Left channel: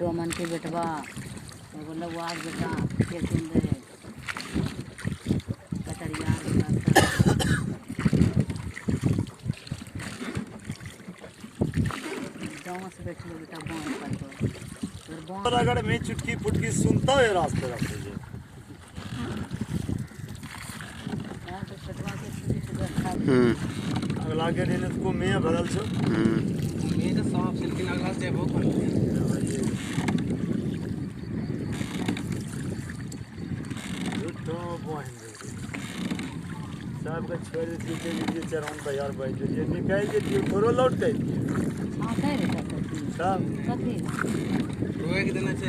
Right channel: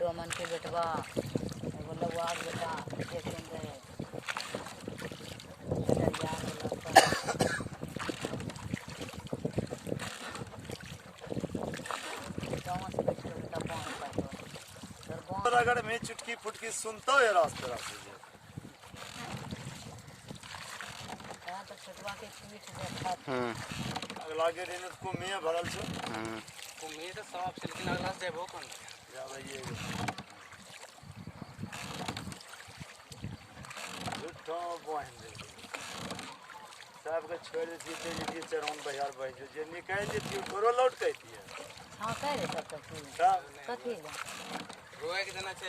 डोमन के बेटवा एगो लौआ के बेटा के सुन रहे कटरिया गाँव से बैठो बेटा बाँध पर अगर मैं चुटकी फुटकी सुनता है रास्ते रास्ते अगला के दिन इसको मैं भरल छो मैं तो सांप से लगा से वो कर साहब का छोड़ दीजिए लीजिए चराउन तैयार भाई जो निकाल दीजिए थोड़ा लौट गई हाँ कह रहे सब साहब कथी रोए के देना चाहिए।